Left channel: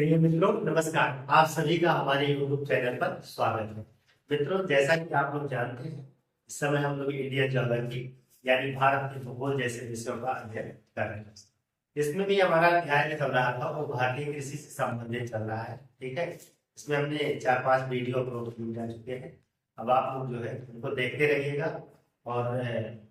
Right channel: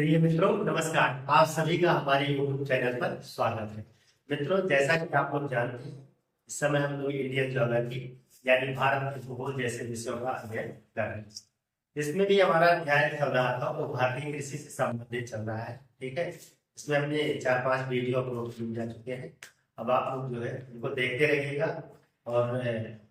प्रिय मित्रों, नमस्कार। आप सभी का हमारे YouTube चैनल पर स्वागत है। मित्रों, जैसा कि आप लोग जानते हैं, इस समय हम लोग इंडियन ज्योग्राफी यानी भारत के भूगोल जैसे विषयों का अध्ययन कर रहे हैं। इसमें भी हमारा अध्याय चल रहा था वो भारतीय कृषि से संबंधित चल रहा है। ठीक है, इसमें हमने 4-5 वीडियो अपलोड किए जा चुके हैं। अब आप लोग जो है उनको देखते रहिएगा और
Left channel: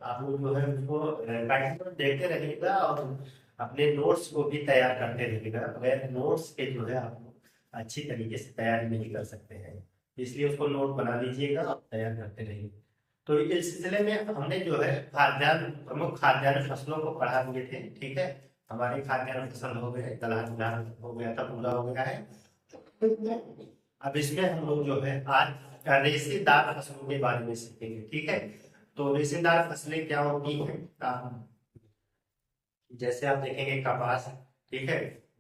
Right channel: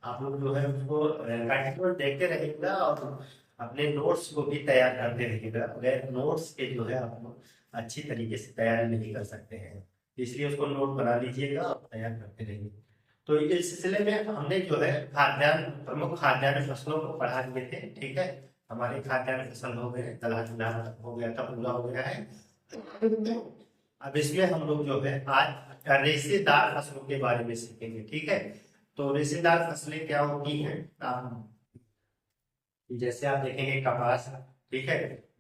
आप लोग जो है उसको कंटिन्यू देखते रहिएगा और अपने नोट्स को भी तैयार करते रहिएगा। बगैर नोट्स के जो है आप लोग अच्छी तरीके से तैयारी नहीं कर सकते हैं, इसलिए उसको नोट बना लीजिएगा और तैयार करते रहिए। तो इस सिलसिले में हमने जो है खाद्यान्न प्रमुख खाद्यान्न फसलों को पढ़ा लिए थे। ठीक है, हमारे खाद्यान्न फसल हो गए, दलहन धान हो गया था, पूरा हो गया है। अब इसमें हम लोग जो है आज रेशेदार फसलों के बारे में सीखेंगे। ठीक है, तो रेशेदार फसलें क्या होती हैं? जैसे आप देखेंगे कपास, ठीक है,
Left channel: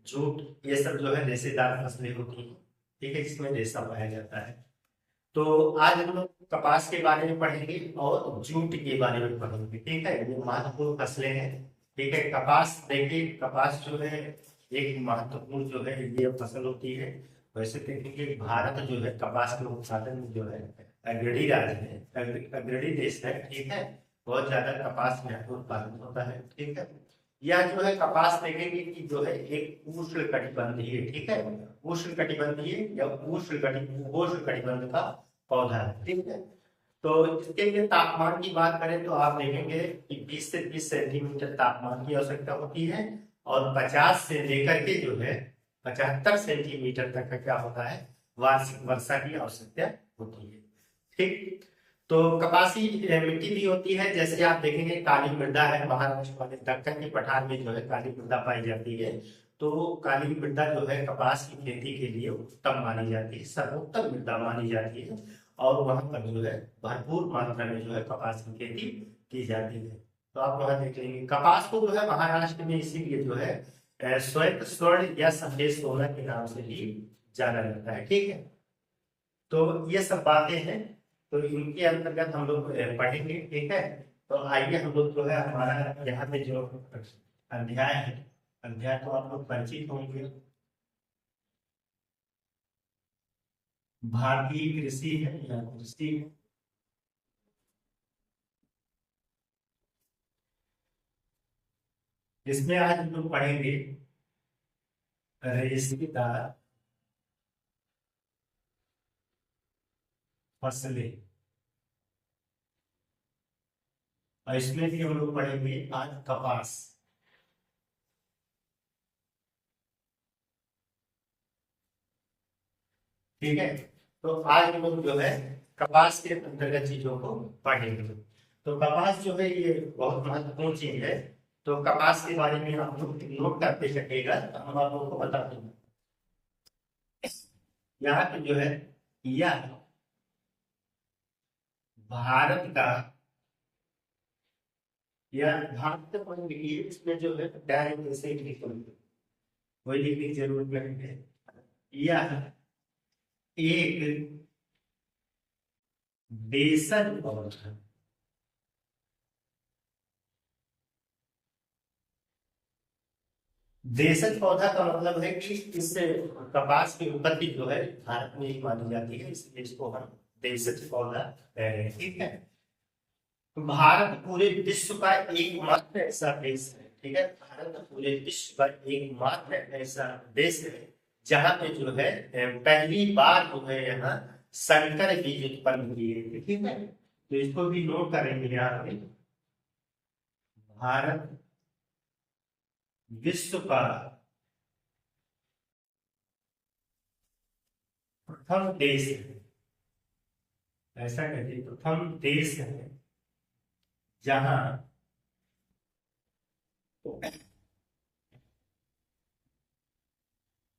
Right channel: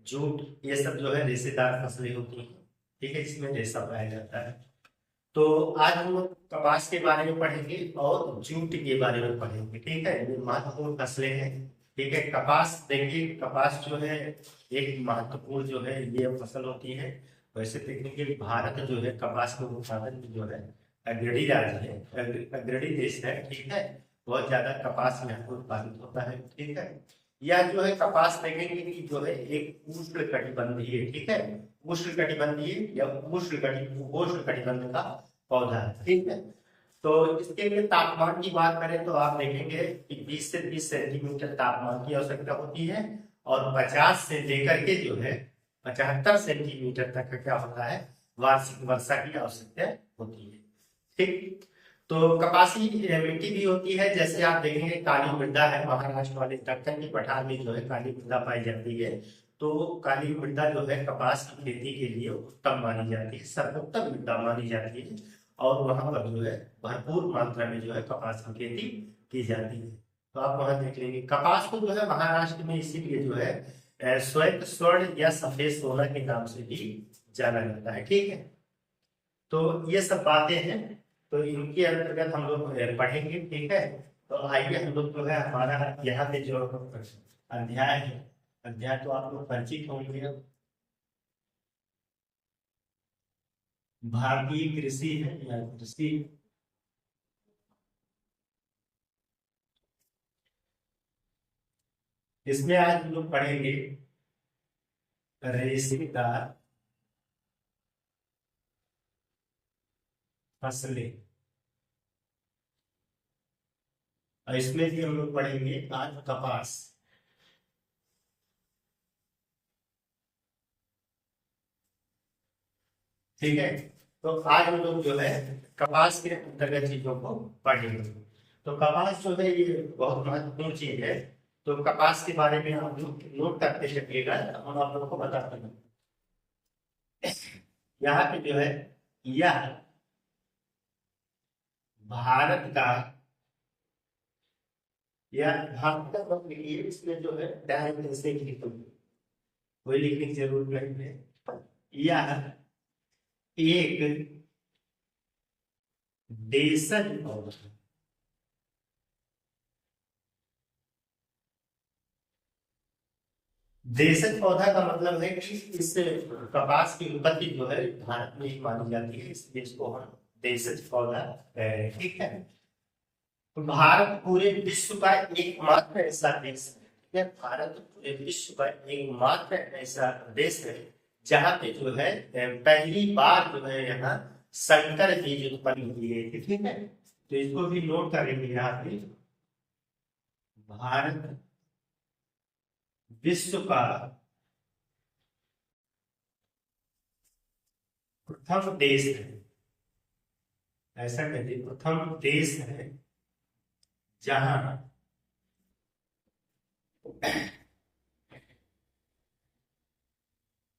जूट, ये सब जो है रेशेदार फसलें होती हैं। ठीक है, जिसमें रेशा पाया जाता है। तो आज हम लोग कपास के बारे में पढ़ेंगे और जूट के बारे में पढ़ेंगे। ठीक है, ये महत्वपूर्ण फसलें हैं। ठीक है, कपास देखिए, कपास जो है एक महत्वपूर्ण जो है ये फसल होती है। वैसे देखेंगे भारत जो है कपास के उत्पादन में जो है अग्रणी राज्य है, अग्रणी देश है। ठीक है, बहुत ज्यादा कपास यहाँ पे उत्पादित होता है। ठीक है, यह जो है कपास देखेंगे कि जो है एक उष्ण कटिबंधीय, ठीक है, उष्ण कटिबंधीय या उपोष्ण कटिबंध का पौधा है। ठीक है, तो इसके लिए तापमान की बात करें तो आप देखेंगे कि 20 से 30 सेंटीमीटर तापमान की आवश्यकता होती है और 50 से लेकर के जो है 75 सेंटीमीटर तक का क्या होता है, वार्षिक वर्षा की आवश्यकता होती है। ठीक, तो कपासी मिट्टी भी होती है। जैसे आप देखेंगे काली मृदा है, महाराष्ट्र वाले दक्कन के पठार में जो है काली मृदा पाई जाती है। तो काली मृदा जो है कपास की खेती के लिए उत्तम मानी जाती है, सर्वोत्तम मृदा मानी जाती है और वहां पर जो है भरपूर मात्रा में जो है कपास की खेती की जाती है। तो आप वहां देख लेंगे कपास को जो है महाराष्ट्र में इसीलिए जो है श्वेत स्वर्ण या सफेद सोना के नाम से भी जाना जाता है। ठीक है, तो ये सब बातें हैं, तो इनके अंतर्गत हम लोग पढ़ेंगे। ठीक है, तो आइए हम लोग जो है हमारा यहाँ पे जो अध्याय है, अध्याय तो आप लोग परिचित होंगे। भारतीय कृषि है या कृषि, इसमें आज हम लोग पढ़ेंगे रेशेदार फसलें और इसमें भी हम लोग पढ़ेंगे आज कपास। ठीक है, तो आज हम लोग जो है कपास के अंतर्गत चीजों को पढ़ेंगे। तो कपास जो है ये बहुत महत्वपूर्ण चीज है। तो कपास के बारे में आप लोग नोट करते चलिएगा, हम आप लोगों को बताते हैं। यहाँ पे जो है यह भारत का, यह भारत का मतलब लिखिए, इसमें जो है डायरेक्ट ऐसे ही लिख लो, कोई लिखने की जरूरत नहीं है। यह एक देशन पौधा, देशज पौधा का मतलब है कि इस कपास की उत्पत्ति जो है भारत में ही मानी जाती है, इसलिए इसको हम देशज पौधा कह रहे हैं। ठीक है, तो भारत पूरे विश्व का एकमात्र ऐसा देश है। ठीक है, भारत पूरे विश्व का एकमात्र ऐसा देश है जहां पे जो है पहली बार जो है यहाँ संकर बीज उत्पन्न हुए थे। ठीक है, तो इसको भी नोट करेंगे यहाँ पे। भारत विश्व का प्रथम देश है, ऐसा कहते हैं, प्रथम देश है जहां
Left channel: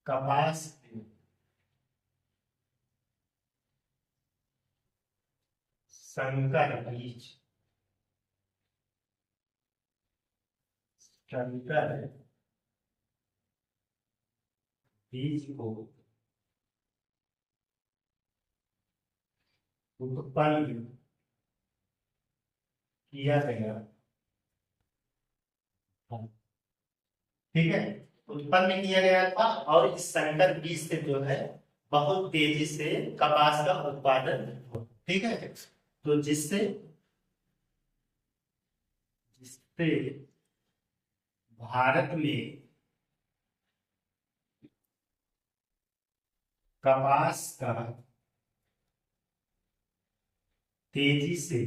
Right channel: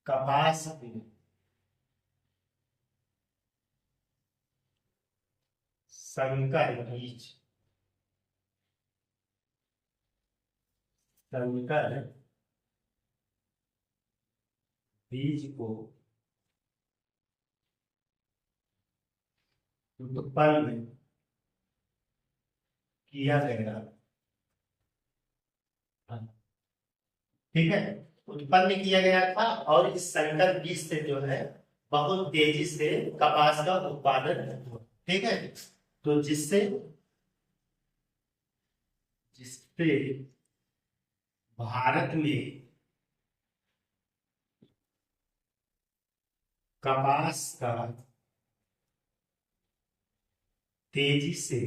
कपास के संकर बीज, संकर बीज को उत्पन्न किया गया। ठीक है, उत्पन्न किया गया था और इस संकर बीज से जो है बहुत तेजी से कपास का उत्पादन हुआ। ठीक है, तो जिससे जिससे भारत में कपास का तेजी से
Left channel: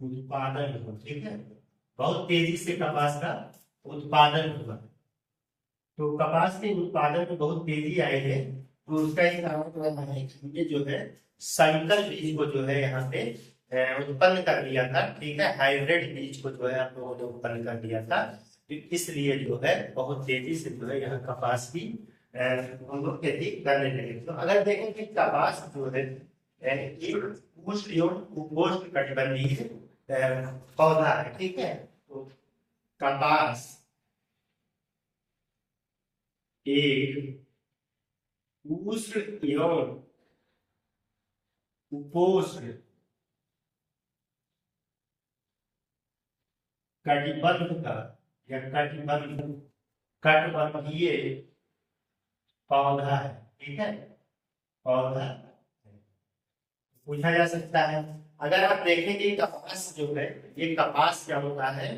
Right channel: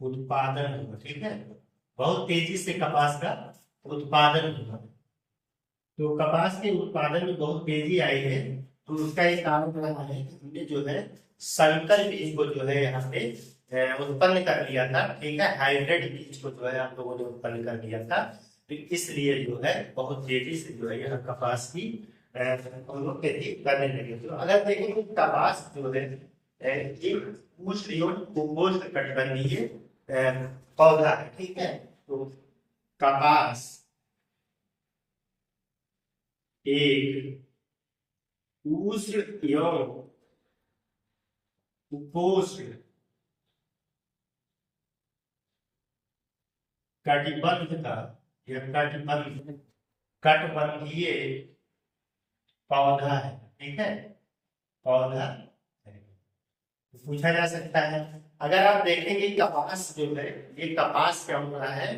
उत्पादन हुआ। ठीक है, बहुत तेजी से कपास का उत्पादन हुआ। तो कपास के उत्पादन में बहुत तेजी आई है, तो उसका एक कारण है कि हमने जो है संकर बीज को जो है यहाँ पे उत्पन्न कर लिया था। ठीक है, हाइब्रिड बीज को जो है हम लोगों ने उत्पन्न कर लिया था, तो इसलिए जो है बहुत तेजी से जो है यहाँ कपास की हम लोग खेती करने लगे। तो अगर देखें कि कपास जो है ये उपोष्ण कटिबंधीय पौधा है। ठीक है, तो कपास एक उष्ण एवं उपोष्ण कटिबंध का या कटिबंधीय पौधा है। ठीक है, पौधा पूछा जा सकता है। अगर आप देखेंगे कपास जो है ये कपास क्या होता है,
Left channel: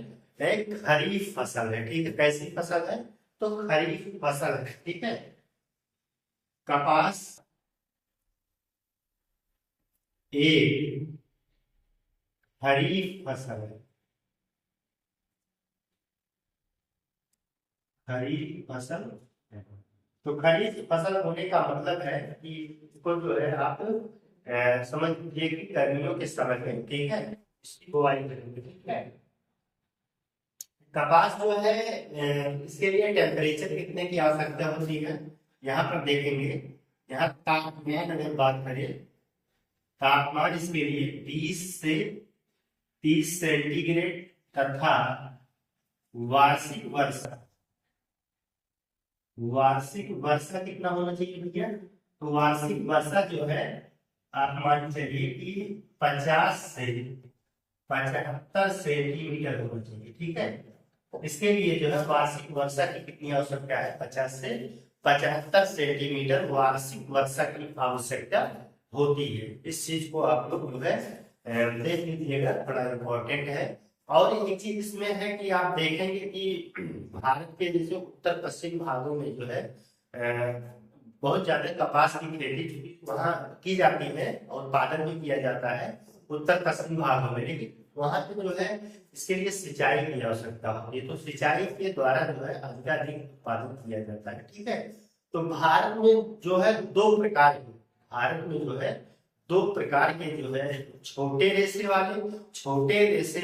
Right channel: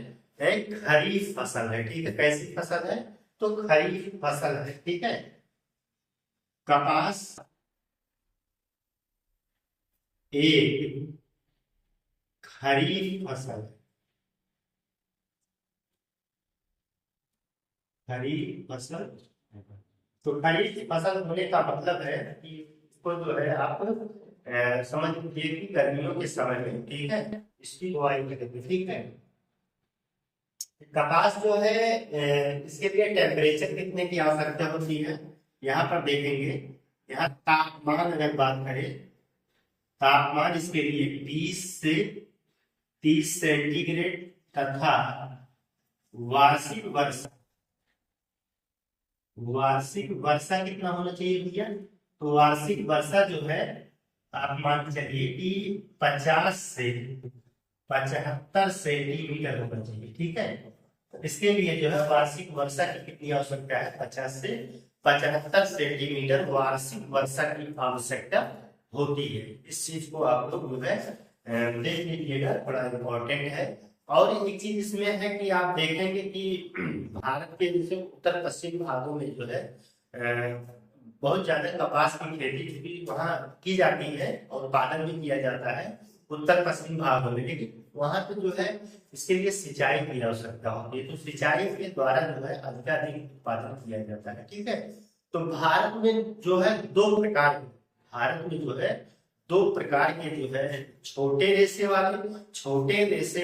एक खरीफ फसल है। ठीक है, कैसी फसल है, तो खरीफ फसल है। ठीक है, कपास एक खरीफ फसल है। खरीफ फसल, तो खरीफ फसल होने का मतलब है कि इसको जो है आप समझ लीजिए कि गर्मियों के समय में, ठीक है, इसकी बुआई करेंगे। ठीक है, कपास जो है इसके लिए टेम्परेचर कितने की आवश्यकता होती है, यहाँ पर देखेंगे। यहाँ तापमान अगर बात करें, तापमान इसके लिए 20 से 30 सेंटीग्रेड तथा वार्षिक वर्षा कितना होना चाहिए भैया, तो वार्षिक वर्षा जो है आप मान चलिए कि 50 से 75 सेंटीमीटर होना चाहिए। ठीक है, इसके लिए जो है वार्षिक वर्षा की कितनी आवश्यकता है, 50 से 75 सेंटीमीटर वार्षिक वर्षा की आवश्यकता होती है। इस चीज को आप लोग जो है देख लीजिएगा, बड़ा इंपॉर्टेंट है। और एक चीज इसमें है कि आप देखेंगे कि भारत के जैसे उत्तर पश्चिम भागों में जो है बहुत ज्यादा कपास की खेती वहाँ की जाती है और उत्पादन भी किया जाता है उत्तर पश्चिम भागों में, लेकिन वहां पे जो है इसके लिए सिंचाई की आवश्यकता होती है, तो सिंचाई के द्वारा जो है अधिकाधिक उत्पादन किया जाता है। ठीक है, तो भारत में जो है भारत में जो है दो प्रकार के जो है छोटे रेशे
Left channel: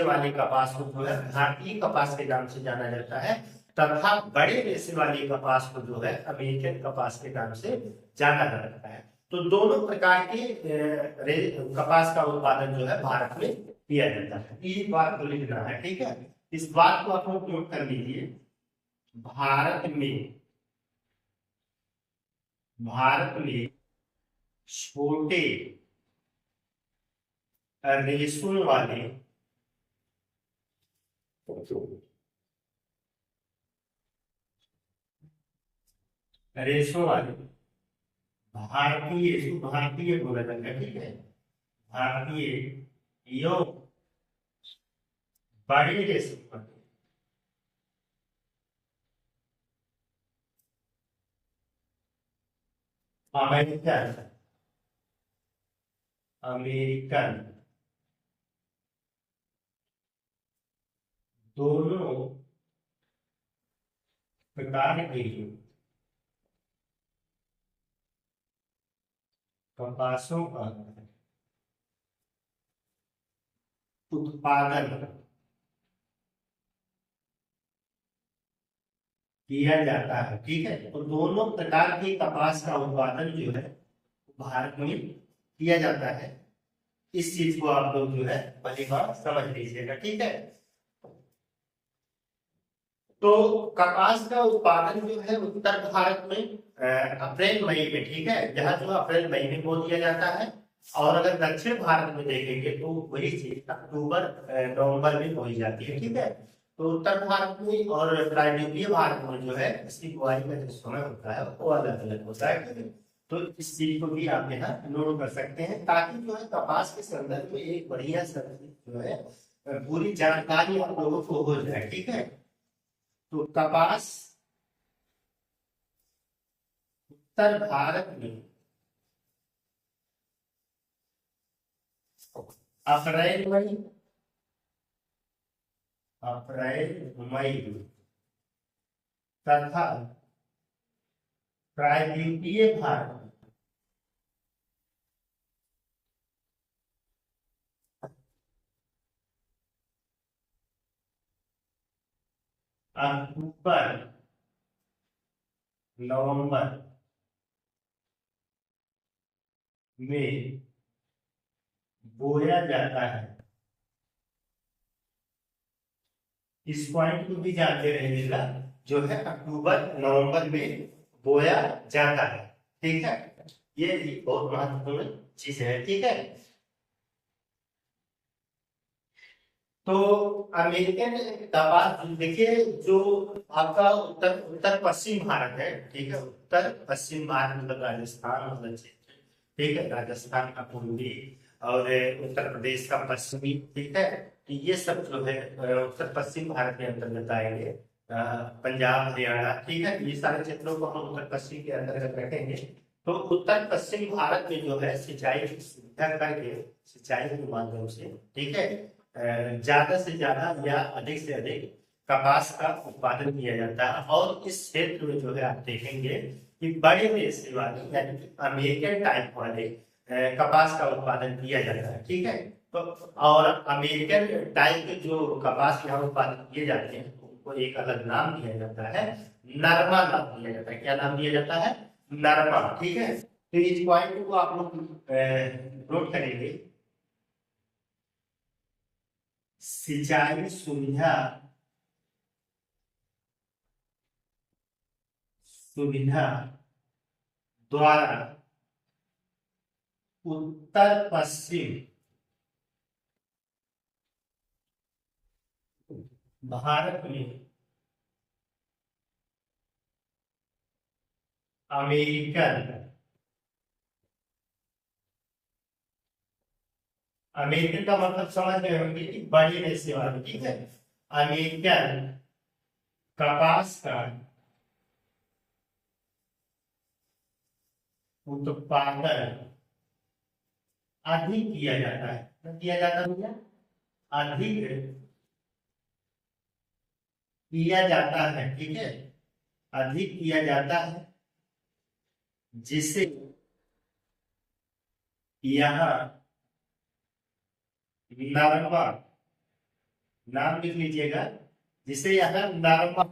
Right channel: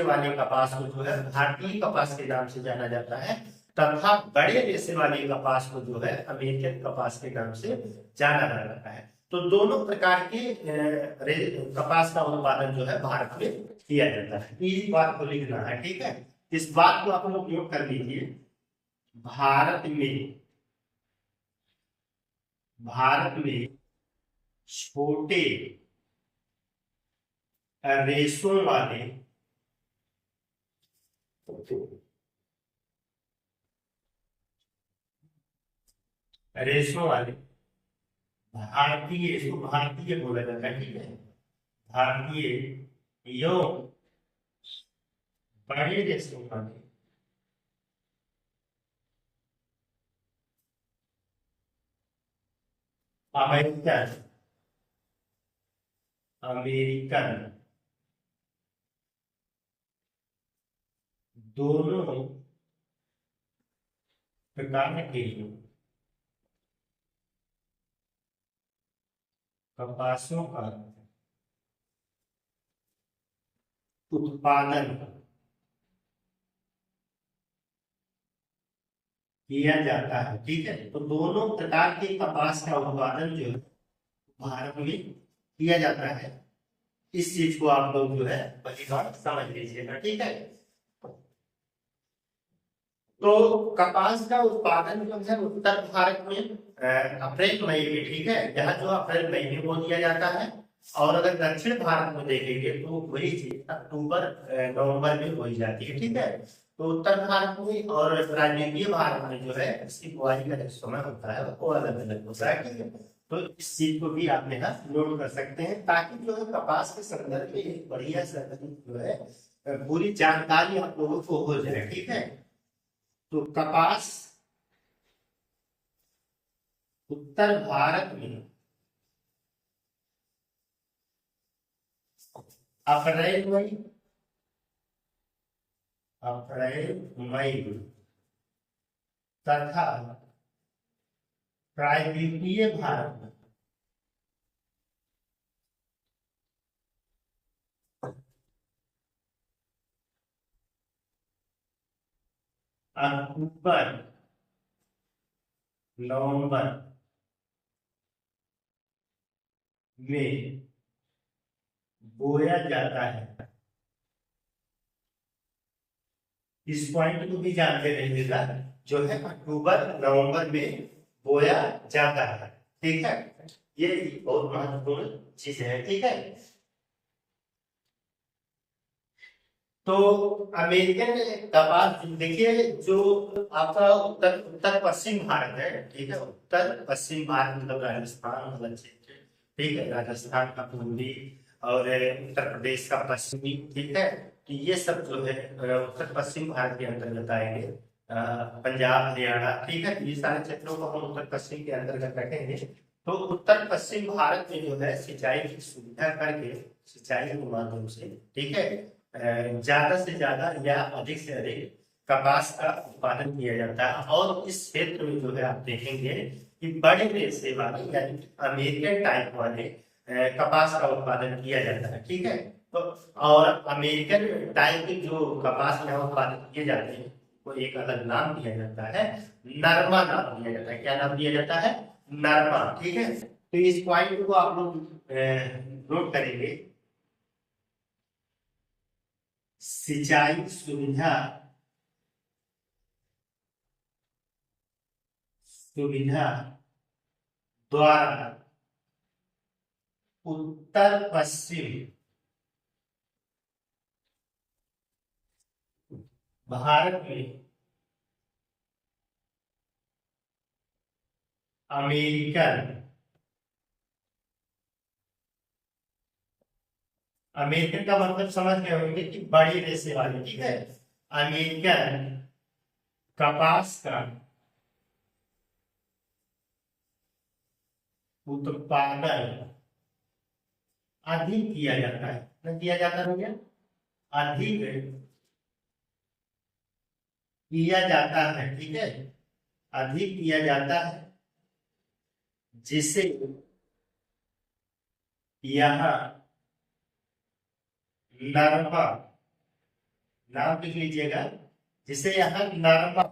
वाले कपास को जो है भारतीय कपास के नाम से जाना जाता है, तथा बड़े रेशे वाले कपास को जो है अमेरिकन कपास के नाम से जाना जाता है। तो दोनों प्रकार के कपास का उत्पादन जो है भारत में किया जाता है। इस बात को लिखना है। ठीक है, इस बात को आप लोग नोट कर लीजिए। भारत में छोटे रेशों वाले भारतीय बोला जाता है। ठीक है, भारतीय यो बड़े रेशों वाले अमेरिकन दोनों प्रकार के कपासों का उत्पादन किया जाता है। ठीक है, तो दोनों प्रकार के कपास का उत्पादन जो है भारत में किया जाता है। इस चीज को आप लोग जो है पहली बार समझ लीजिएगा। ठीक है, तो कपास का उत्पादन जो है उत्तर भारत में अप्रैल मई में, ठीक है, यहाँ जो अप्रैल मई में बो दिया जाता है, और अगर दक्षिण भारत में देखेंगे तो वही चीज अक्टूबर नवंबर में बोई जाती है। ठीक है, तो उत्तर भारत में और प्रायद्वीपीय भारत में जो है इसकी बुआई का जो समय होता है वो अलग अलग होता है, ठीक है। तो इस चीज को भी आप यहाँ नोट कर सकते हैं, ताकि जो है कपास के संदर्भ में एक बढ़िया सा जो है पूरी जानकारी आप लोगों को हो जाए, ठीक है। तो कपास उत्तर भारत में अप्रैल मई तथा प्रायद्वीपीय भारत में अक्टूबर नवंबर में बोया जाता है। इस पॉइंट को भी जानते रहिएगा, जो है अक्टूबर नवंबर में बोया जाता है, ठीक है। ये बहुत महत्वपूर्ण चीज है, ठीक है। तो अमेरिकन कपास देखिए, जो आपका उत्तर उत्तर पश्चिम भारत है, ठीक है। उत्तर पश्चिम भारत मतलब राजस्थान वाला क्षेत्र, ठीक है। राजस्थान का पूर्वी और उत्तर प्रदेश का पश्चिमी, ठीक है। तो ये सब जो है उत्तर पश्चिम भारत के अंतर्गत आएंगे। पंजाब हरियाणा, ठीक है। ये सारे क्षेत्रों को हम उत्तर पश्चिम के अंतर्गत रखेंगे। तो उत्तर पश्चिम भारत में जो है सिंचाई की सुविधा करके सिंचाई के माध्यम से, ठीक है, ज्यादा से ज्यादा या अधिक से अधिक कपास का उत्पादन किया जाता है। और इस क्षेत्र में जो है आप देखेंगे कि बड़े रेशे वाले यानी कि अमेरिकन टाइप वाले कपास का उत्पादन किया जाता है, ठीक है। तो और अमेरिकन टाइप के जो कपास यहाँ उत्पादित किए जाते हैं उनको एक अलग नाम दिया जाता है, नरमा नाम दिया जाता है। क्या नाम दिया जाता है? नरमा, ठीक है। तो इस पॉइंट को आप लोग नोट करेंगे। सिंचाई सुविधा द्वारा उत्तर पश्चिम भारत में अमेरिकन अमेरिकन का मतलब समझ गए होंगे कि बड़ी रेशे वाली, ठीक है। अमेरिकन कपास का उत्पादन अधिक किया जाता है, न किया जाता भैया, अधिक किया जाता है, ठीक है। अधिक किया जाता है, जिसे यहाँ नरमा, नाम लिख लीजिएगा, जिसे यहाँ नरमा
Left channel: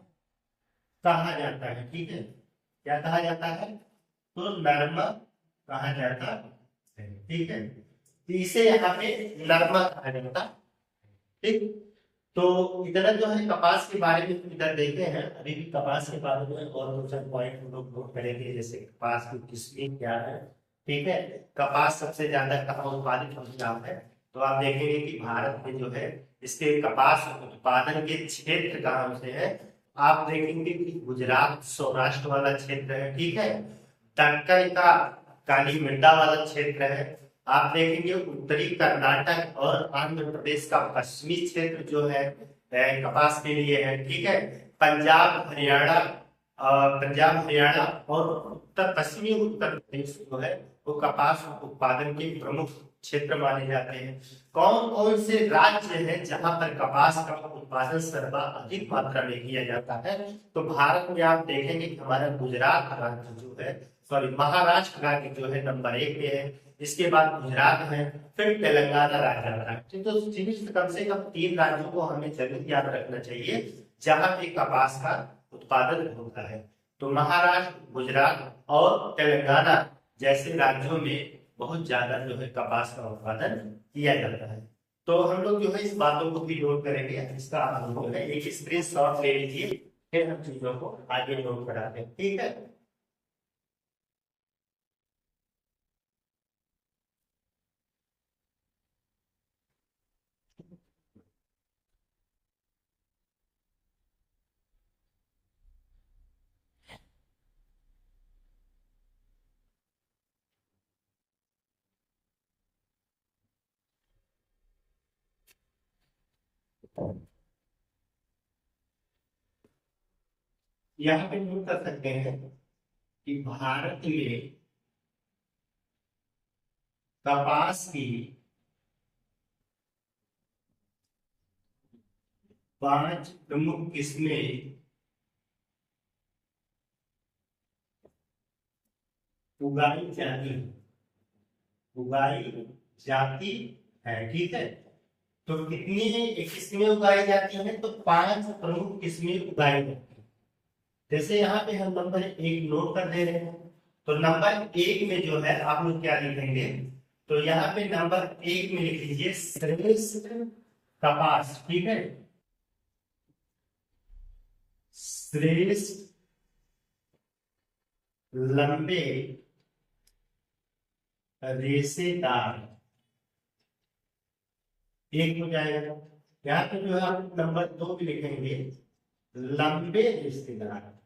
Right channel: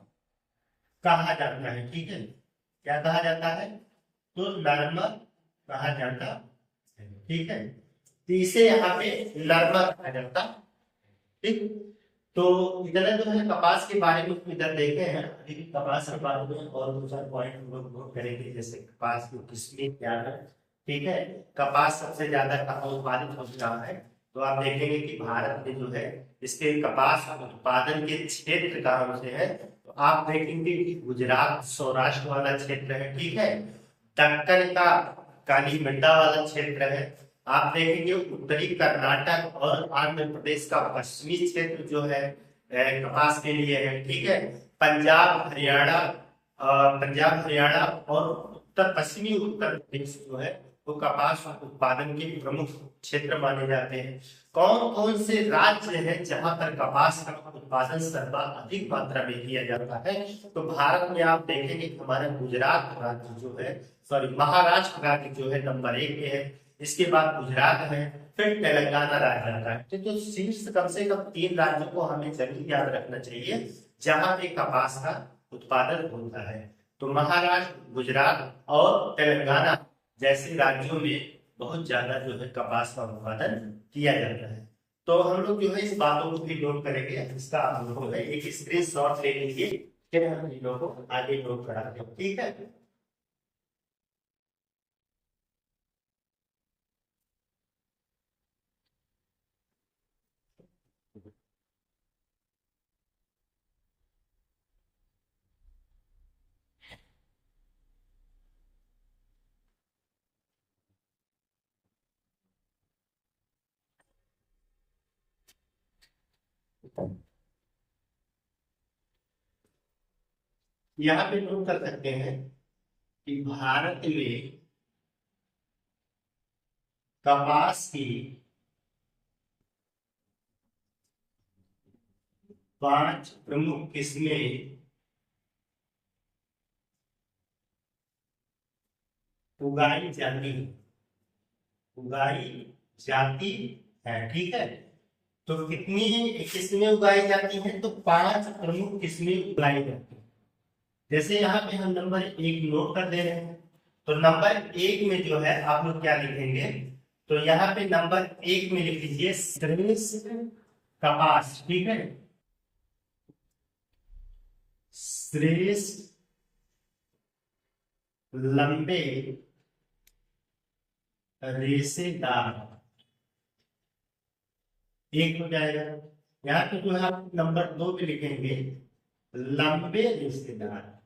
कहा जाता है, ठीक है। क्या कहा जाता है? तो नरमा कहा जाता है, ठीक है। तो इसे यहाँ पे नरमा कहा जाता, ठीक। तो इतना जो है कपास के बारे में इधर देखे हैं। अभी भी कपास के बारे में और दो चार पॉइंट हम लोग नोट करेंगे, जैसे कपास की किस्में क्या है, ठीक है। कपास सबसे ज्यादा कहाँ उत्पादित हो रहा है, तो आप देखेंगे कि भारत में जो है इसके कपास उत्पादन के क्षेत्र कहाँ से है, तो आप देखेंगे कि गुजरात सौराष्ट्र वाला क्षेत्र है, ठीक है। दक्कन का काली मंडा वाला क्षेत्र है। आप देखेंगे उत्तरी कर्नाटक और आंध्र प्रदेश का पश्चिमी क्षेत्र जो है कपास के लिए है, ठीक है। पंजाब हरियाणा और उत्तर पश्चिमी उत्तर प्रदेश जो है वो कपास उत्पादन के प्रमुख क्षेत्र माने जाते हैं। कौन कौन से राज्य हैं जहां पर कपास का उत्पादन सर्वाधिक मात्रा में किया जाता है, तो भारत में आप देखेंगे कि हमारा गुजरात राज्य जो है, सॉरी महाराष्ट्र राज्य जो है नंबर 1 पे है। इसके बाद गुजरात है, फिर तेलंगाना राज्य आता है। तो शीर्ष कम से कम 3 राज्यों को हमें जरूर याद रखना चाहिए जहां पे कपास का उत्पादन होता है। तो महाराष्ट्र, गुजरात और तेलंगाना जैसे राज्यों में बहुत ज्यादा जो है कपास का उत्पादन किया जाता है। तो हम लोग जो है इस बातों को भी नोट करेंगे। इसका आप लोगों ने एक स्क्रीनशॉट ले लीजिए, फिर हम चीजों को आगे नोट कराते हैं, ठीक है। यहाँ पे नोट कर सकते हैं कि भारत में कपास की 5 प्रमुख किस्में उगाई जाती है, उगाई जाती है। ठीक है, तो कितनी है किस्में उगाई जाती हैं? तो 5 प्रमुख किस्में उगाई जाती हैं। जैसे यहाँ पे हम नंबर 1 नोट कर दे रहे हैं, तो नंबर 1 में जो है आप लोग क्या लिखेंगे? तो यहाँ पे नंबर 1 में लिख लीजिए श्रेष्ठ कपास। ठीक है, श्रेष्ठ लंबे रेशेदार, एक हो जाएगा। यहाँ पे जो है आप नंबर 2 पे लिखेंगे लंबे रेशेदार।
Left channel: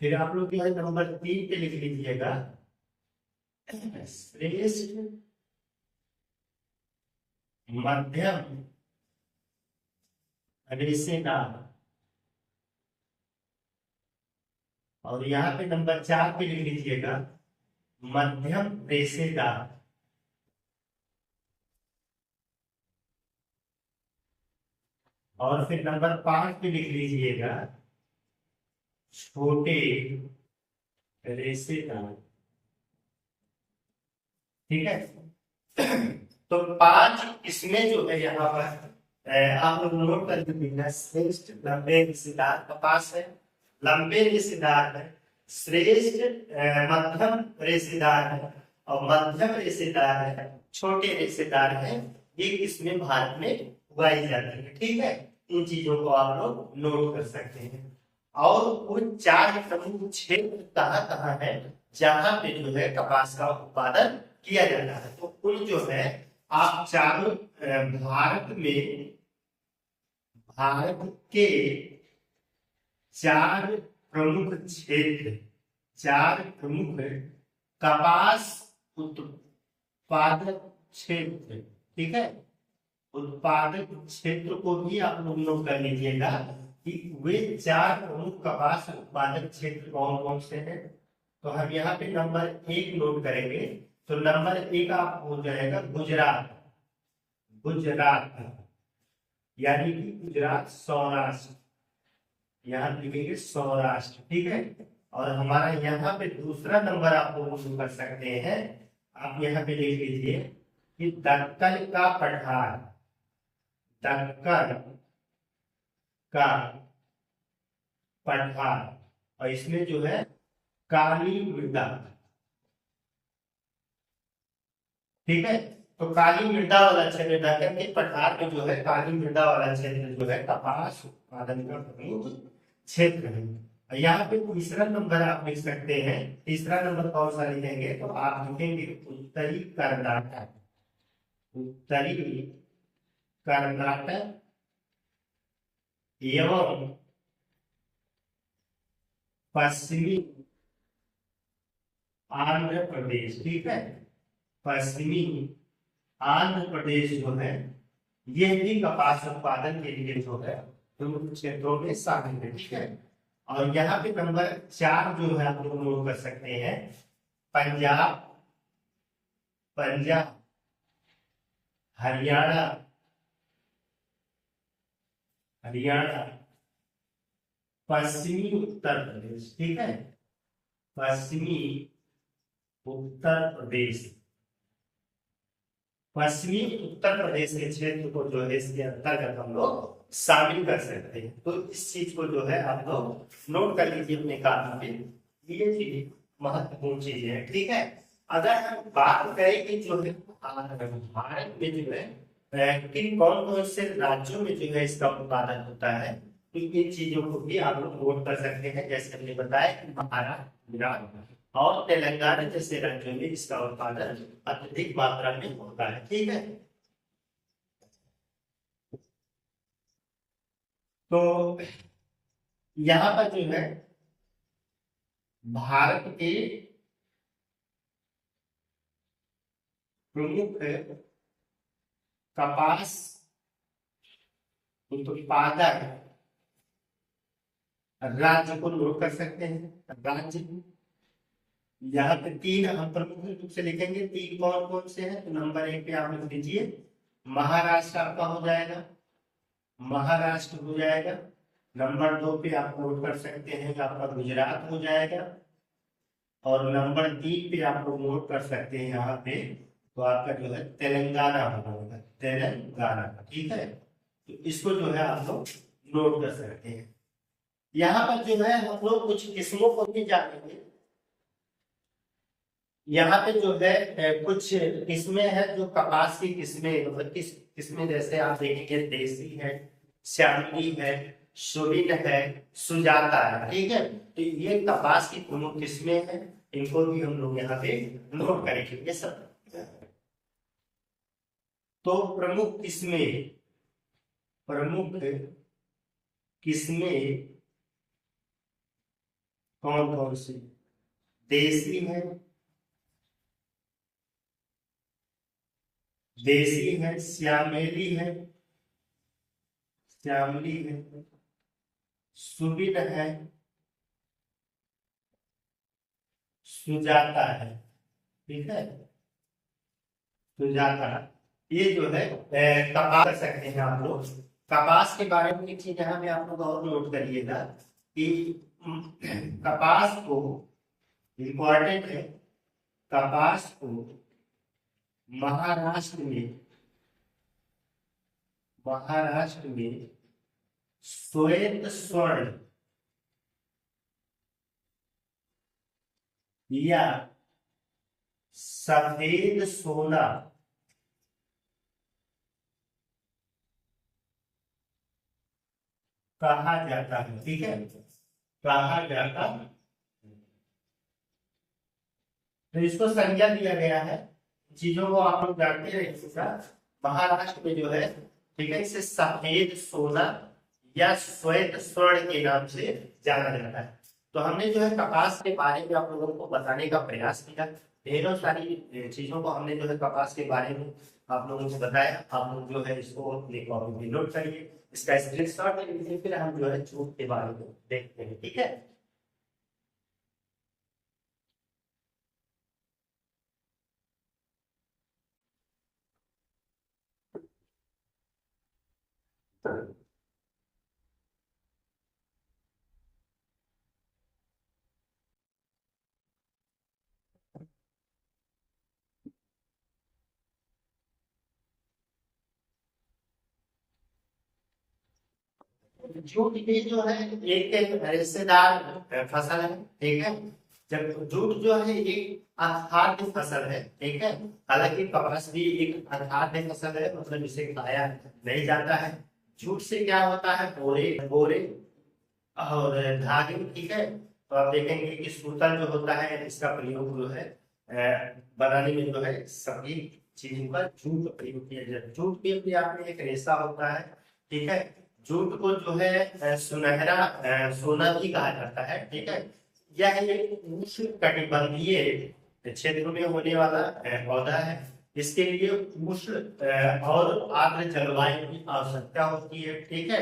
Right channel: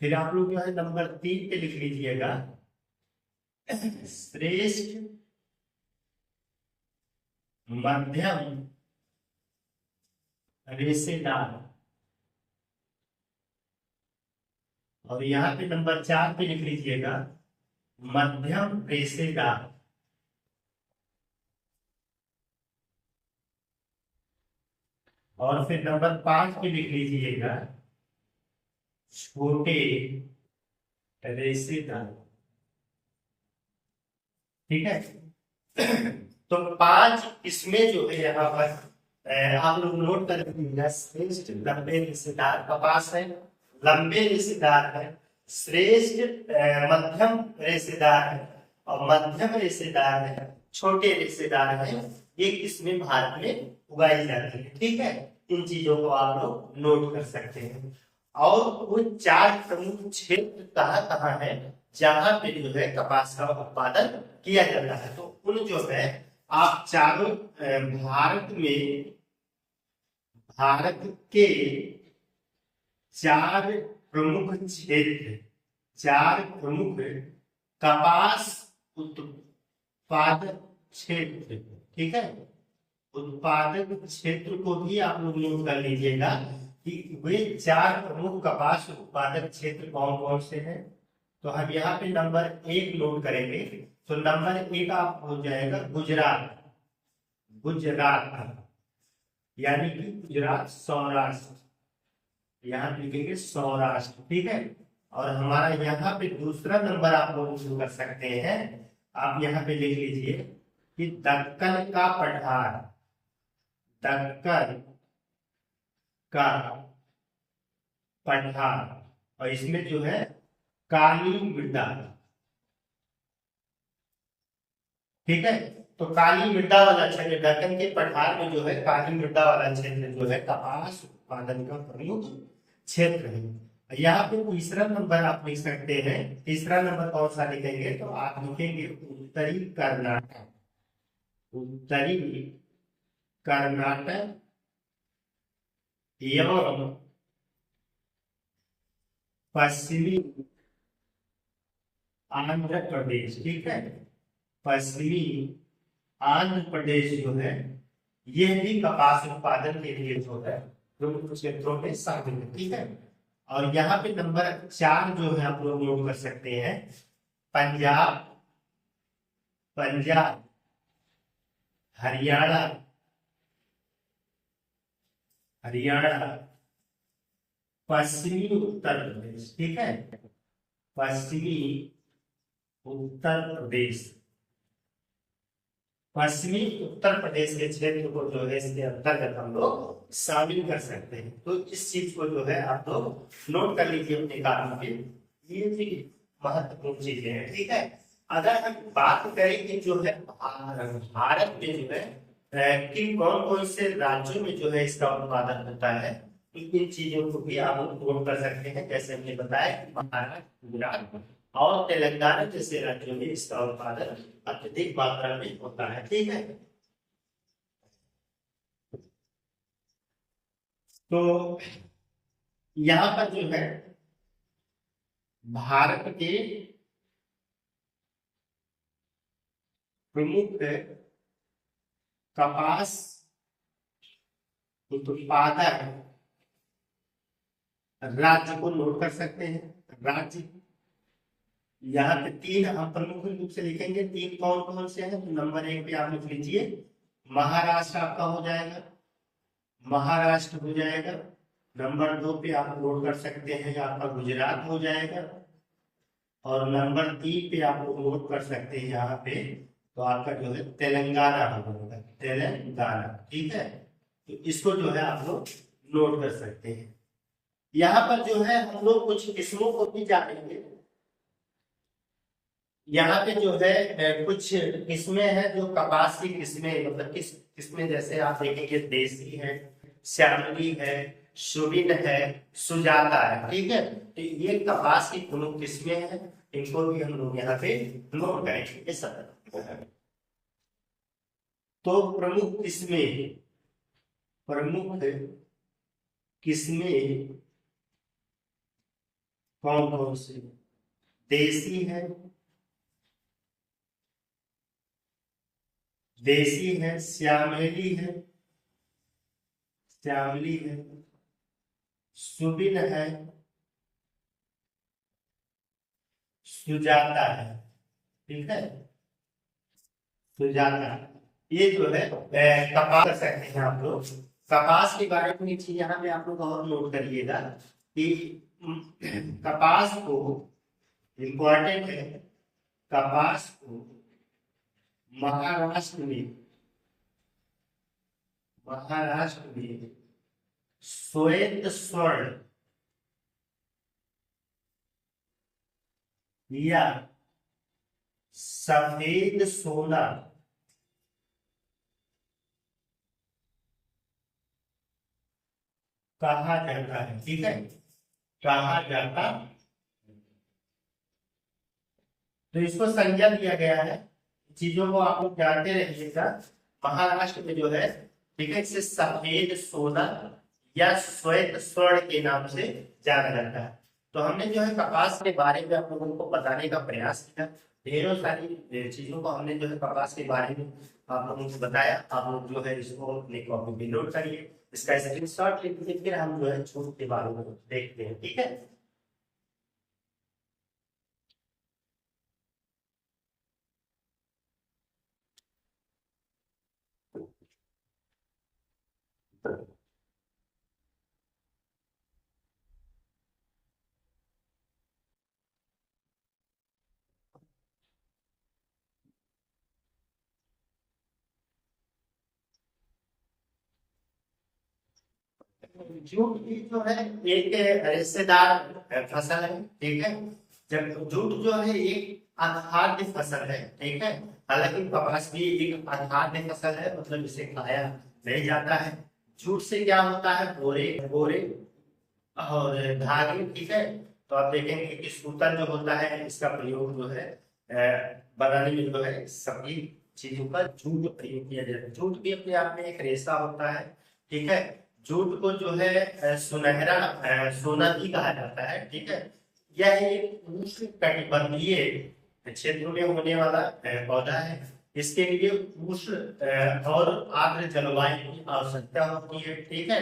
फिर आप लोग जो है नंबर 3 पे लिख लीजिएगा श्रेष्ठ मध्यम रेशेदार। और यहाँ पे नंबर 4 पे लिख लीजिएगा मध्यम रेशेदार। और फिर नंबर 5 पे लिख लीजिएगा छोटे रेशेदार। ठीक है, तो 5 इसमें जो है यहाँ पर आप लोग नोट कर लीजिएगा। श्रेष्ठ लंबे रेशेदार कपास है, लंबे रेशेदार है, श्रेष्ठ मध्यम रेशेदार है, और मध्यम रेशेदार है, छोटे रेशेदार है। ये किस्में भारत में उगाई जाती है। ठीक है, इन चीजों को आप लोग नोट कर सकते हैं। और कुल 4 प्रमुख क्षेत्र कहाँ है जहां पे जो है कपास का उत्पादन किया जाता है? तो कुल जो है आप चारों भारत के 4 प्रमुख क्षेत्र, 4 प्रमुख कपास उत्पादक क्षेत्र, ठीक है, उत्पादक क्षेत्र को भी आप लोग नोट कर लीजिएगा कि वे 4 प्रमुख कपास उत्पादक क्षेत्र कौन कौन से हैं। तो हम यहाँ पे नंबर 1 नोट करेंगे। तो नंबर 1 आप हो जाएगा गुजरात, गुजरात यानी कि गुजरात सौराष्ट्र, यहाँ लिखेंगे सौराष्ट्र। ठीक है, और हमारा यहाँ पे दूसरा नंबर आप लोग शुरू कर सकते हैं। आप यहाँ पे लिख लीजिए कि दक्कन का पठार, दक्कन का पठार, और इसमें जो है काली मृदा। ठीक है, तो काली मृदा वाला क्षेत्र, दक्कन के पठार में जो है काली मृदा वाला क्षेत्र जो है कपास उत्पादन का प्रमुख क्षेत्र है। यहाँ पे तीसरा नंबर आप लिख सकते हैं। तीसरा नंबर कौन सा लिखेंगे? तो आप लिखेंगे उत्तरी कर्नाटक, उत्तरी कर्नाटक एवं पश्चिमी आंध्र प्रदेश। ठीक है, पश्चिमी आंध्र प्रदेश जो है यह भी कपास उत्पादन के लिए जो है प्रमुख क्षेत्रों में शामिल है। ठीक है, और यहाँ पे नंबर 4 जो है आप लोग नोट कर सकते हैं पंजाब, पंजाब, हरियाणा, हरियाणा, पश्चिमी उत्तर प्रदेश। ठीक है, पश्चिमी उत्तर प्रदेश, पश्चिमी उत्तर प्रदेश के क्षेत्र को जो है इसके अंतर्गत हम लोग शामिल कर सकते हैं। तो इस चीज को जो है आप लोग नोट कर लीजिए अपने कागज पे, ये चीज महत्वपूर्ण चीजें हैं। ठीक है, अगर हम बात करें कि जो है भारत में जो है कि कौन कौन से राज्यों में जो है इसका उत्पादन होता है, तो इन चीजों को भी आप लोग नोट कर सकते हैं। जैसे हमने बताया कि महाराष्ट्र, गुजरात और तेलंगाना जैसे राज्यों में इसका उत्पादन अत्यधिक मात्रा में होता है। ठीक है, तो यहाँ पर जो है भारत के प्रमुख कपास उत्पादक राज्य को नोट कर सकते हैं। राज्य यहाँ पे तीन हम प्रमुख रूप से लिखेंगे, तीन कौन कौन से हैं। तो नंबर 1 पे आप लिख लीजिए महाराष्ट्र, आपका हो जाएगा, महाराष्ट्र हो जाएगा। नंबर 2 पे आप नोट कर सकते हैं आपका गुजरात हो जाएगा, और नंबर 3 पे आप लोग नोट कर सकते हैं यहाँ पे तो आपका जो है तेलंगाना होगा, तेलंगाना। ठीक है, तो इसको जो है आप लोग नोट कर सकते हैं। यहाँ पर जो है हम लोग कुछ किस्मों को भी जानेंगे। यहाँ पे जो है कुछ किस्में हैं जो कपास की किस्में, मतलब किस किस्में, जैसे आप देखेंगे देसी है, श्यामली है, सुबिन है, सुजाता है। ठीक है, तो ये कपास की प्रमुख किस्में हैं, इनको भी हम लोग यहाँ पे नोट करेंगे ये सब। तो प्रमुख किस्में, प्रमुख किस्में कौन कौन सी? देसी है, देसी है, श्यामली है, श्यामली है, सुबिन है, सुजाता है। ठीक है, सुजाता, ये जो है कपास कर सकते हैं आप लोग। कपास के बारे में एक चीज यहाँ पे आप लोग और नोट करिएगा कि कपास को, इंपॉर्टेंट है, कपास को महाराष्ट्र में, महाराष्ट्र में श्वेत स्वर्ण या सफेद सोना कहा जाता है। ठीक है, कहा जाता, तो इसको संज्ञा दिया गया है। चीजों को आप लोग जानते रहिएगा। महाराष्ट्र में जो है, ठीक है, इसे सफेद सोना या श्वेत स्वर्ण के नाम से जाना जाता है। तो हमने जो है कपास के बारे में आप लोगों को बताने का प्रयास किया। ढेरों सारी चीजों को हमने जो है कपास के बारे में आप लोगों को बताया। आप लोग जो है इसको अपने कॉपी में नोट करिए, इसका स्क्रीनशॉट ले लीजिए, फिर हम जो है झूठ के बारे में देखते हैं। ठीक है, जूट भी जो है एक रेशेदार फसल है। ठीक है, जब जूट जो है एक अखाद्य फसल है। ठीक है, हालांकि कपास भी एक अखाद्य फसल है, मतलब इसे खाया नहीं जाता है। जूट से क्या होता है, बोरे, बोरे और धागे। ठीक है, तो आप देखेंगे कि सूतन जो होता है इसका प्रयोग जो है बनाने में जो है सभी चीजों का जूट प्रयोग किया जाता है। जूट भी अपने आप में एक रेशा होता है। ठीक है, जूट को जो है सुनहरा सोना भी कहा जाता है। ठीक है, यह एक उष्ण कटिबंधीय क्षेत्र में होने वाला पौधा है। इसके लिए उष्ण और आर्द्र जलवायु की आवश्यकता होती है। ठीक है,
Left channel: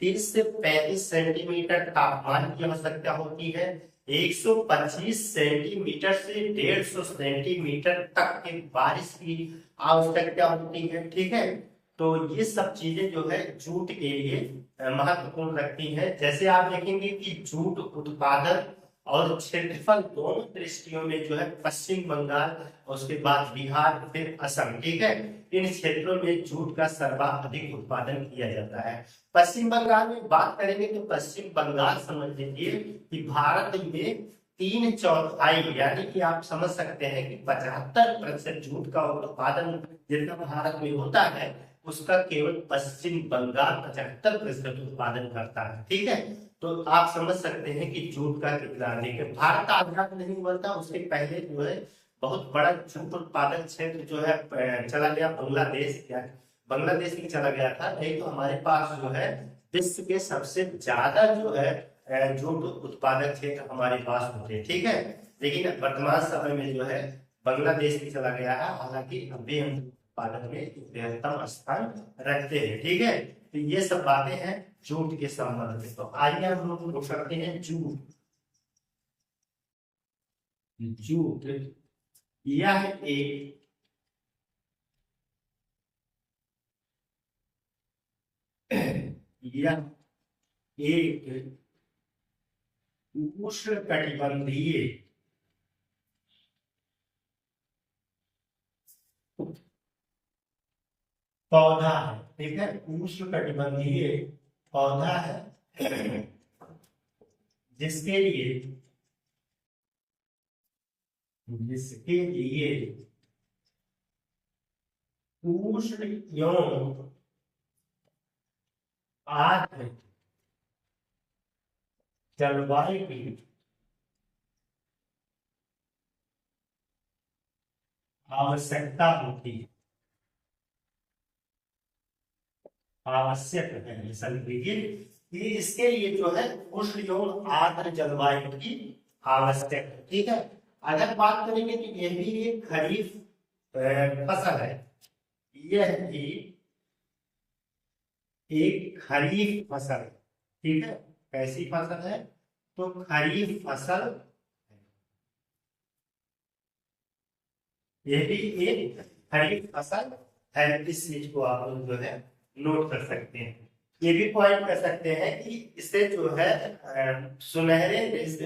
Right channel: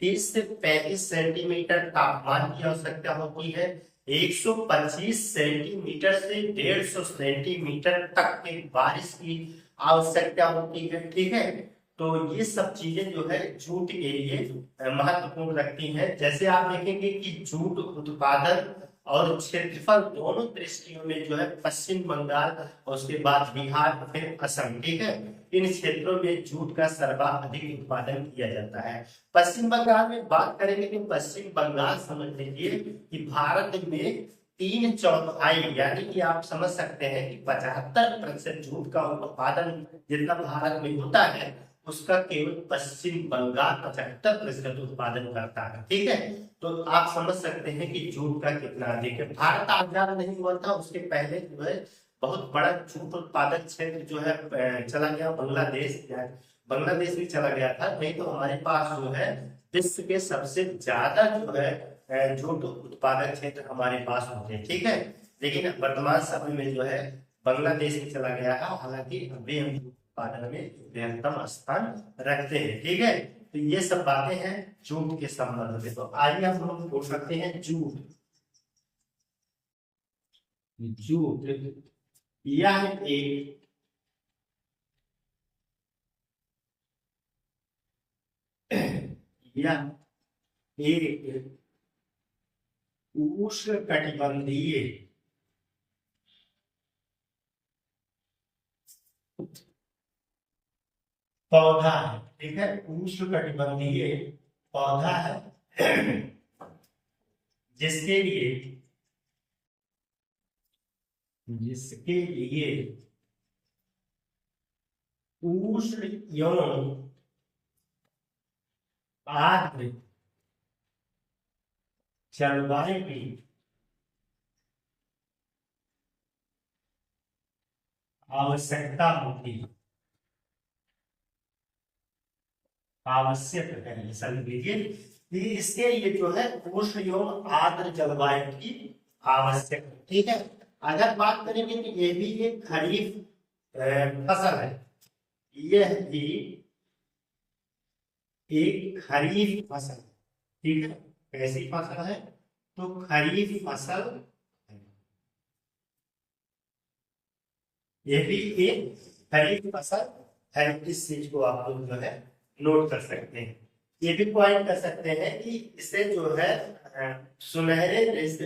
30 से 35 सेंटीमीटर तापमान की आवश्यकता होती है। 125 सेंटीमीटर से 150 सेंटीमीटर तक की बारिश की आवश्यकता होती है। ठीक है, तो ये सब चीजें जो है जूट के लिए महत्वपूर्ण रखती हैं। जैसे आप देखेंगे कि जूट उत्पादन और क्षेत्रफल दोनों दृष्टियों में जो है पश्चिम बंगाल और उसके बाद बिहार, फिर असम, ठीक है, इन क्षेत्रों में जूट का सर्वाधिक उत्पादन किया जाता है। पश्चिम बंगाल में बात करेंगे तो पश्चिम बंगाल समझ लीजिए कि भारत में 3/4 यानी कि आप समझ सकते हैं कि 75% जूट का उत्पादन जितना भारत में होता है उसका केवल पश्चिम बंगाल 75% उत्पादन करता है। ठीक है, तो आप समझ सकते हैं कि जूट का कितना अधिक है। भारत आजाद नहीं हुआ था उसके पहले जो है बहुत बड़ा जूट उत्पादक क्षेत्र जो है चला गया बांग्लादेश, या बांग्लादेश भी चला गया था। नहीं तो हमारे पास जो है विश्व के सबसे ज्यादा जो है जूट उत्पादक क्षेत्र हमारे पास होते हैं। ठीक है, लेकिन वर्तमान समय में जो है बांग्लादेश में चला गया है, हालांकि अभी हम उत्पादन में बृहत्तम स्थान रखते हैं। ठीक है, तो ये सब बातें हैं जूट के संबंध में। तो आइए हम लोग लोग करते हैं जूट। जूट यह एक यह एक उष्णकटिबंधीय पौधा है। ठीक है, उष्णकटिबंधीय पौधा है जिसके लिए उष्ण एवं आर्द्र जलवायु की आवश्यकता होती है, आवश्यक है। समझ लीजिए कि इसके लिए जो है उष्ण एवं आर्द्र जलवायु की आवश्यक है। ठीक है, अगर बात करेंगे तो ये भी एक खरीफ फसल है। यह भी एक खरीफ फसल है। ठीक है, कैसी फसल है? तो खरीफ फसल, ये भी एक खरीफ फसल है। इस चीज को आप लोग जो है नोट कर सकते हैं। ये भी पॉइंट कर सकते हैं कि इसे जो है सुनहरे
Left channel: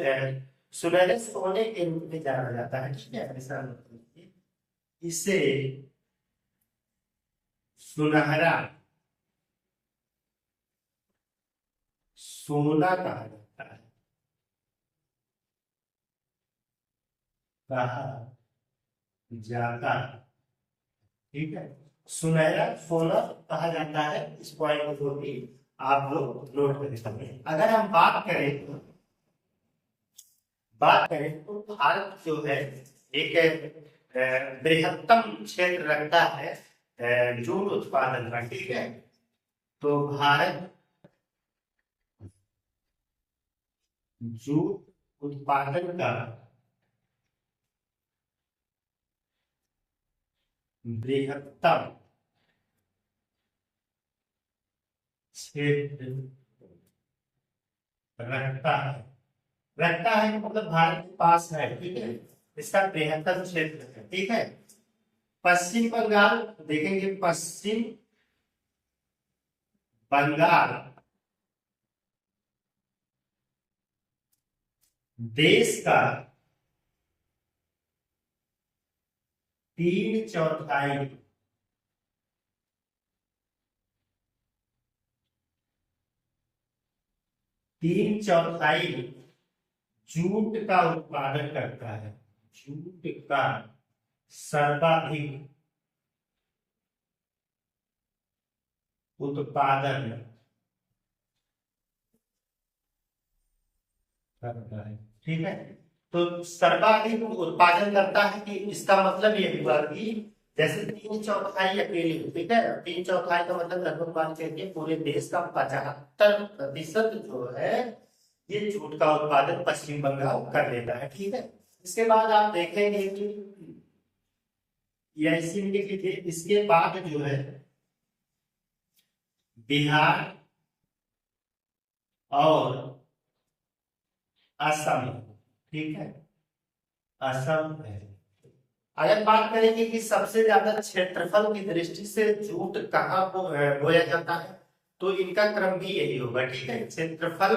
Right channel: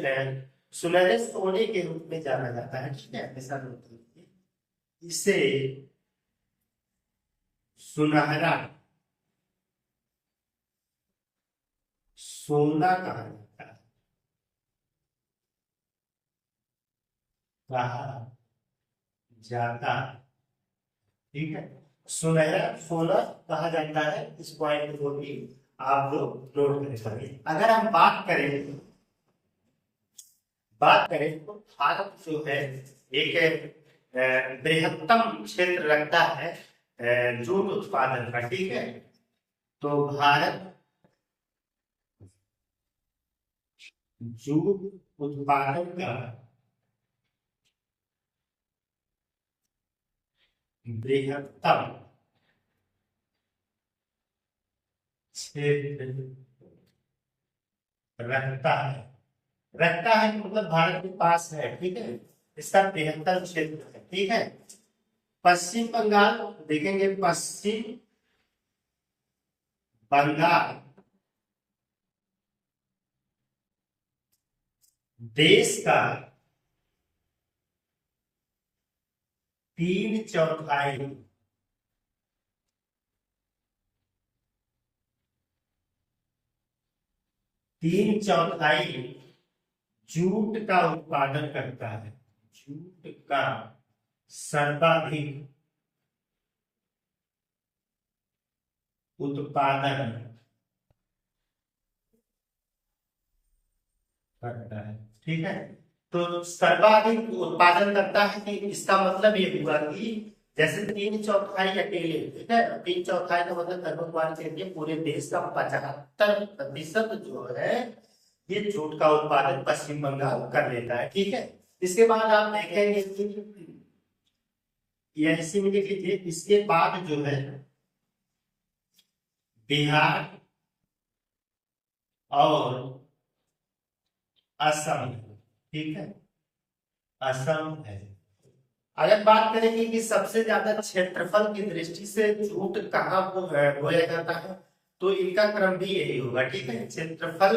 सोने के रूप में जाना जाता है। ठीक है, ऐसा नोट कीजिए, इसे सुनहरा सोना कहा जाता है, कहा जाता है। ठीक है, सुनहरा सोना कहा जाता है। इस पॉइंट को भी आप लोग नोट करेंगे। अगर हम बात करें तो भारत जो है एक बृहत्तम क्षेत्र रखता है जूट उत्पादन का। ठीक है, तो भारत जूट उत्पादन का बृहत्तम क्षेत्र रखता है कि मतलब भारत के पास है। ठीक है, इसका बृहत्तम क्षेत्र है। ठीक है, पश्चिम बंगाल देखेंगे, पश्चिम बंगाल देश का 3/4 जूट का उत्पादन करता है। जूट का सर्वाधिक उत्पादन करता है। ठीक है, तो सर्वाधिक उत्पादन करता है कि इसका मतलब ये हुआ कि जैसे 3/4 अकेले। ठीक है, 3/4 का मतलब लगभग मान लीजिए पूरे देश का 75% जो है ये जूट का उत्पादन पश्चिम बंगाल कर लेता है। ठीक है, इसके बाद आप देखेंगे कि ऐसे में देख लीजिए, इसके बाद जो है बिहार और असम। ठीक है, असम है। अगर बात करेंगे कि सबसे ज्यादा क्षेत्रफल की दृष्टि से जूट कहाँ बोया जाता है, तो इनका क्रम भी यही होगा। ठीक है, क्षेत्रफल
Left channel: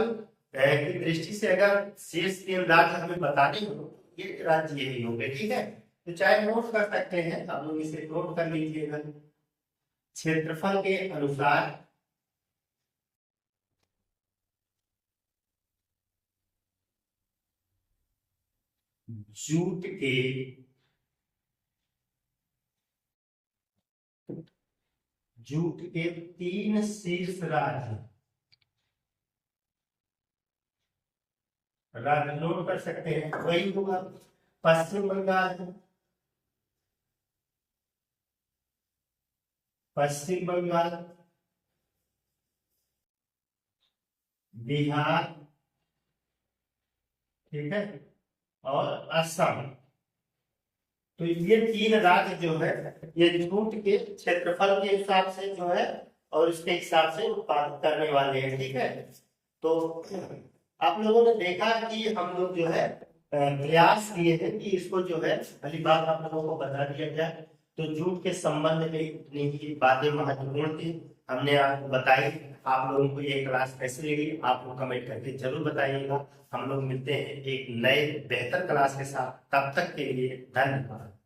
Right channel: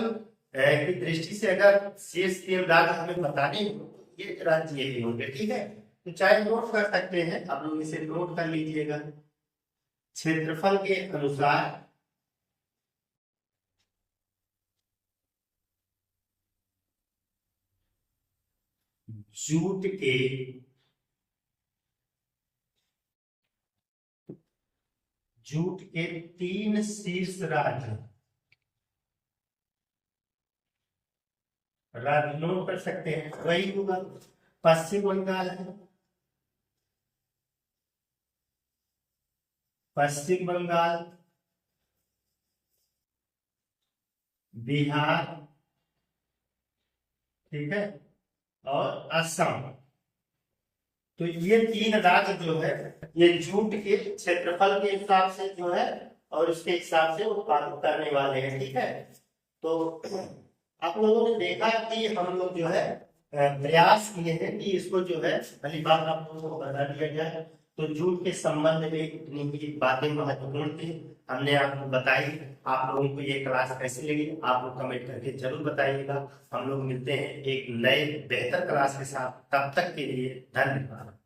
की दृष्टि से अगर शीर्ष 3 राज्य हमें बताने हो तो ये राज्य यही होंगे। ठीक है, तो चाहे नोट कर सकते हैं आप लोग, इसे नोट कर लीजिएगा। क्षेत्रफल के अनुसार जूट के जूट के 3 शीर्ष राज्य नोट कर सकते हैं। वही होगा पश्चिम बंगाल है, पश्चिम बंगाल, बिहार, ठीक है, और असम। तो ये 3 राज्य जो है ये जूट के क्षेत्रफल के हिसाब से जो है और उसके हिसाब से उत्पादन करने वाले हैं। ठीक है, तो आप लोगों ने देखा कि हम लोग जो है प्रयास किए हैं कि इसको जो है पहली बात आप लोगों को बता दिया जाए। तो जूट के संबंध में इतनी ही बातें महत्वपूर्ण थी, हमने आपको बताई। आप लोगों को ये क्लास कैसी लगी आप लोग कमेंट करके जरूर बताइएगा। हम लोग मिलते हैं एक नए बेहतर क्लास के साथ, तब तक के लिए धन्यवाद।